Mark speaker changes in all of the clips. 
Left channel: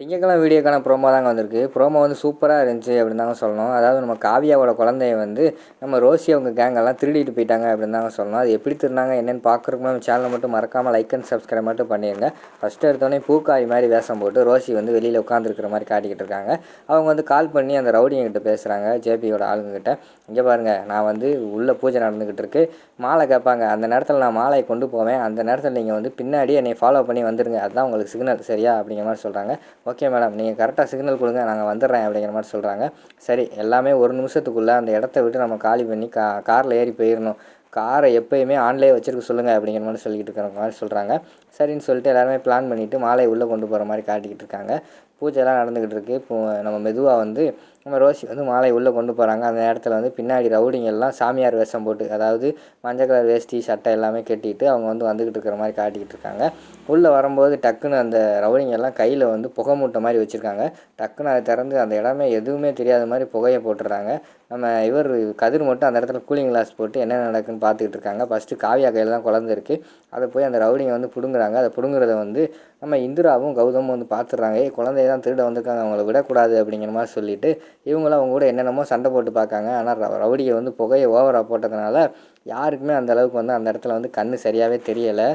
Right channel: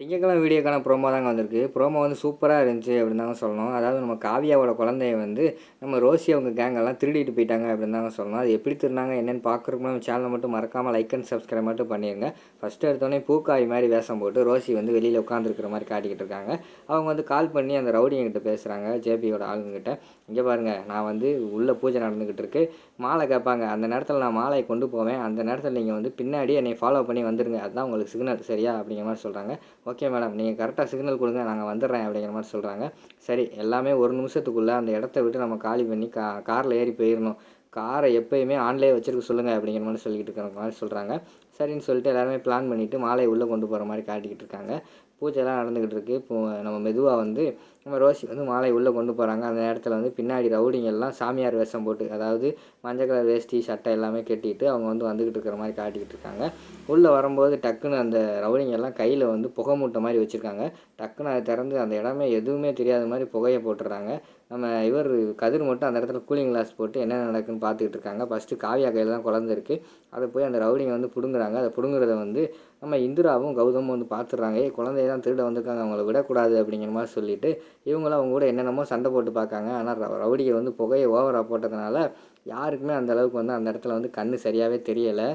Speaker 1: திங்கக்கிழமை வீடியோக்கான ப்ரோமோ தாங்க வந்திருக்கு. ப்ரோமோ வந்து சூப்பராக இருந்துச்சு அப்படின்னு தாங்க சொல்லணும். அதாவது நம்ம காவியாவோட குழந்தைய வந்து நம்ம ரோசி அவங்க கேங்கெல்லாம் திருடிட்டு போயிட்டாங்க அப்படின்னு தாங்க சொல்லணும். அது எப்படி திருந்தாங்க என்னென்னு பார்க்குறதுக்கு நம்ம சேனலை மட்டும் மறக்காமல் லைக் அண்ட் சப்ஸ்கிரைப் மட்டும் பண்ணிடுங்க ஃபஸ்ட்டு எடுத்தோடனே பூக்காரி மாதிரி வேஷம் போட்டு ரோசி வந்து வெளியில் உட்காந்துருக்கிற மாதிரி காட்டிக்கிட்டு இருக்காங்க. அவங்க வந்து கால் பண்ணி அந்த ரவுடிங்கிட்ட பேசுகிறாங்க ஜேபியோட ஆளுங்கக்கிட்ட இங்கே பாருங்கள் நான் வந்து உள்ளே பூஜை நடந்துக்கிட்டு இருக்கு. மாலை கேட்பாங்க அந்த நேரத்தில் நான் மாலையை கொண்டு போவேன். அந்த நேரத்தில் நீங்கள் வந்து பின்னாடி என்னை ஃபாலோ பண்ணி வந்துடுங்க அதுதான் உங்களுக்கு சிக்னல் சரியா? அப்படிங்கிற மாதிரி சொல்கிறாங்க ஓகே மேடம் நீங்கள் கரெக்டாக சிக்னல் கொடுங்க நாங்கள் வந்துடுறேன் அப்படிங்கிற மாதிரி சொல்கிறாங்க சரி எல்லாமே ஒரு நிமிஷத்துக்குள்ளே அந்த இடத்த விட்டு நம்ம காலி பண்ணி கா காரில் ஏறி போயிடணும். காரை எப்போயுமே ஆன்லேயே வச்சுருக்க சொல்லுங்கள் அப்படிங்கிற மாதிரி சொல்லிக்கிட்டு இருக்கிற மாதிரி சொல்கிறாங்க சரின்னு சொல்லிட்டு எல்லாருமே பிளான் பண்ணிவிட்டு மாலையை உள்ளே கொண்டு போகிற மாதிரி காட்டிக்கிட்டு இருக்காங்க. பூஜைலாம் நடந்துக்கிட்டு இருக்குது இப்போ நம்ம மெதுவாக வந்து நம்ம ரோசி வந்து மாலை உள்ளே கொண்டு போகிறாங்க அந்த நேரத்தில் வந்து பின்னாடி ரவுடிங்கெல்லாம் சாமியார் வேஷம் போட்டு அதாவது மஞ்சள் கலர் வேஷ்டி சட்டை எல்லாமே கட்டிட்டு அவங்க வந்து வந்துக்கிட்டு இருக்கிற மாதிரி காட்டிக்கிட்டு இருக்காங்க. உள்ளே வரும்போது டக்குன்னு அந்த ரவுடிங்க எல்லாம் கையில் வந்து புகை மூட்டை மாதிரி வச்சுருக்காங்க. டக்குன்னு அதை திறந்து அந்த இடமே எதுவுமே தெரியாத மாதிரி புகையை போட்டுடுறாங்க நம்ம இவர் கதிர் மட்டும் அந்த இடத்துல கூலிங் கிளாஸ் போட்டு என்ன நடக்குன்னு பார்த்துக்கிட்டு இருக்காங்க. ஃபஸ்ட்டு காவியா கையில் தான் குழந்தை இருக்குது அதை போய் அந்த ரவுடிங்க வந்து பிடுங்குறாங்க. அதை பிடுங்குறத வந்து நம்ம இந்திராவும் கௌதமும் வந்து பார்த்துட்றாங்க. குழந்தைய தான் திருட வந்திருக்காங்க. அவங்கள விடக்கூடாது அப்படிங்கிற மாதிரி சொல்லிவிட்டு இவங்களும் அவங்க கூட என்னென்னமோ சண்டை போட்டு பார்க்காங்க. ஆனால் ரவுடியை வந்து புகையை ஓவராக போட்டதுனால யாருக்குமே அந்த அளவுக்கு வந்து அந்த இடத்துல வந்து கண் சரியாகவே தெரியலை.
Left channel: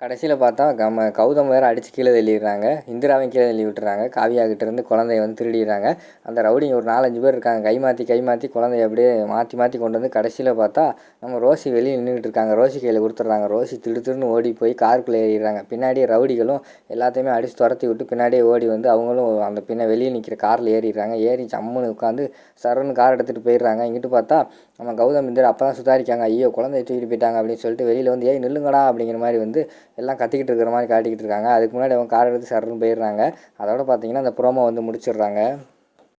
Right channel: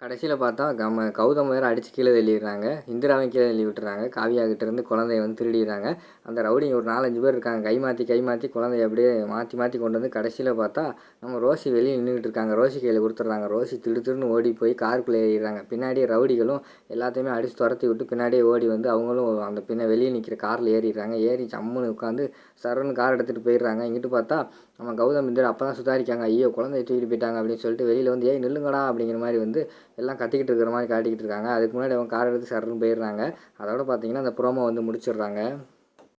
Speaker 1: கடைசியில் பார்த்தா நம்ம கௌதம் வேறு அடித்து கீழே தள்ளிடுறாங்க. இந்திராவையும் கீழே தள்ளி விட்டுறாங்க. காவியாகிட்ட இருந்து குழந்தைய வந்து திருடிடுறாங்க. அந்த ரவுடிங்க ஒரு நாலஞ்சு பேர் இருக்காங்க. கை மாற்றி கை மாற்றி குழந்தைய அப்படியே மாற்றி மாற்றி கொண்டு வந்து கடைசியில் பார்த்தா நம்ம ரோசி வெளியே நின்றுட்டு இருக்காங்க. ரோசி கையில் கொடுத்துட்றாங்க. ரோசி திடு திருன்னு ஓடி போய் காருக்குள்ளே ஏறிடுறாங்க. பின்னாடியே ரவுடிகளும் எல்லாத்தையுமே அடித்து துரத்தி விட்டு பின்னாடியே ஓடி வந்து அவங்களும் அந்த பின்ன வெளியே நிற்கிற காரில் ஏறிடுறாங்க. ஏறி சம்முன்னு உட்காந்து சரன்னு கார் எடுத்துகிட்டு போயிடுறாங்க. இங்கிட்டு பார்த்தா நம்ம கௌதம் இந்திரா அப்போ தான் சுதாரிக்காங்க ஐயோ குழந்தைய தூக்கிட்டு போயிட்டாங்க அப்படின்னு சொல்லிட்டு வெளியில் வந்து ஏய் நில்லுங்கடா அப்படிங்கிற மாதிரி வந்து எல்லாம் கத்திக்கிட்டு இருக்கிற மாதிரி காட்டிக்கிட்டு இருக்காங்க. அதுக்கு முன்னாடி அவங்க கார் எடுத்து சரன்னு போயிடுறாங்க. அதோட பார்த்தீங்கன்னா அந்த ப்ரோமோ வந்து முடிச்சிடுறாங்க.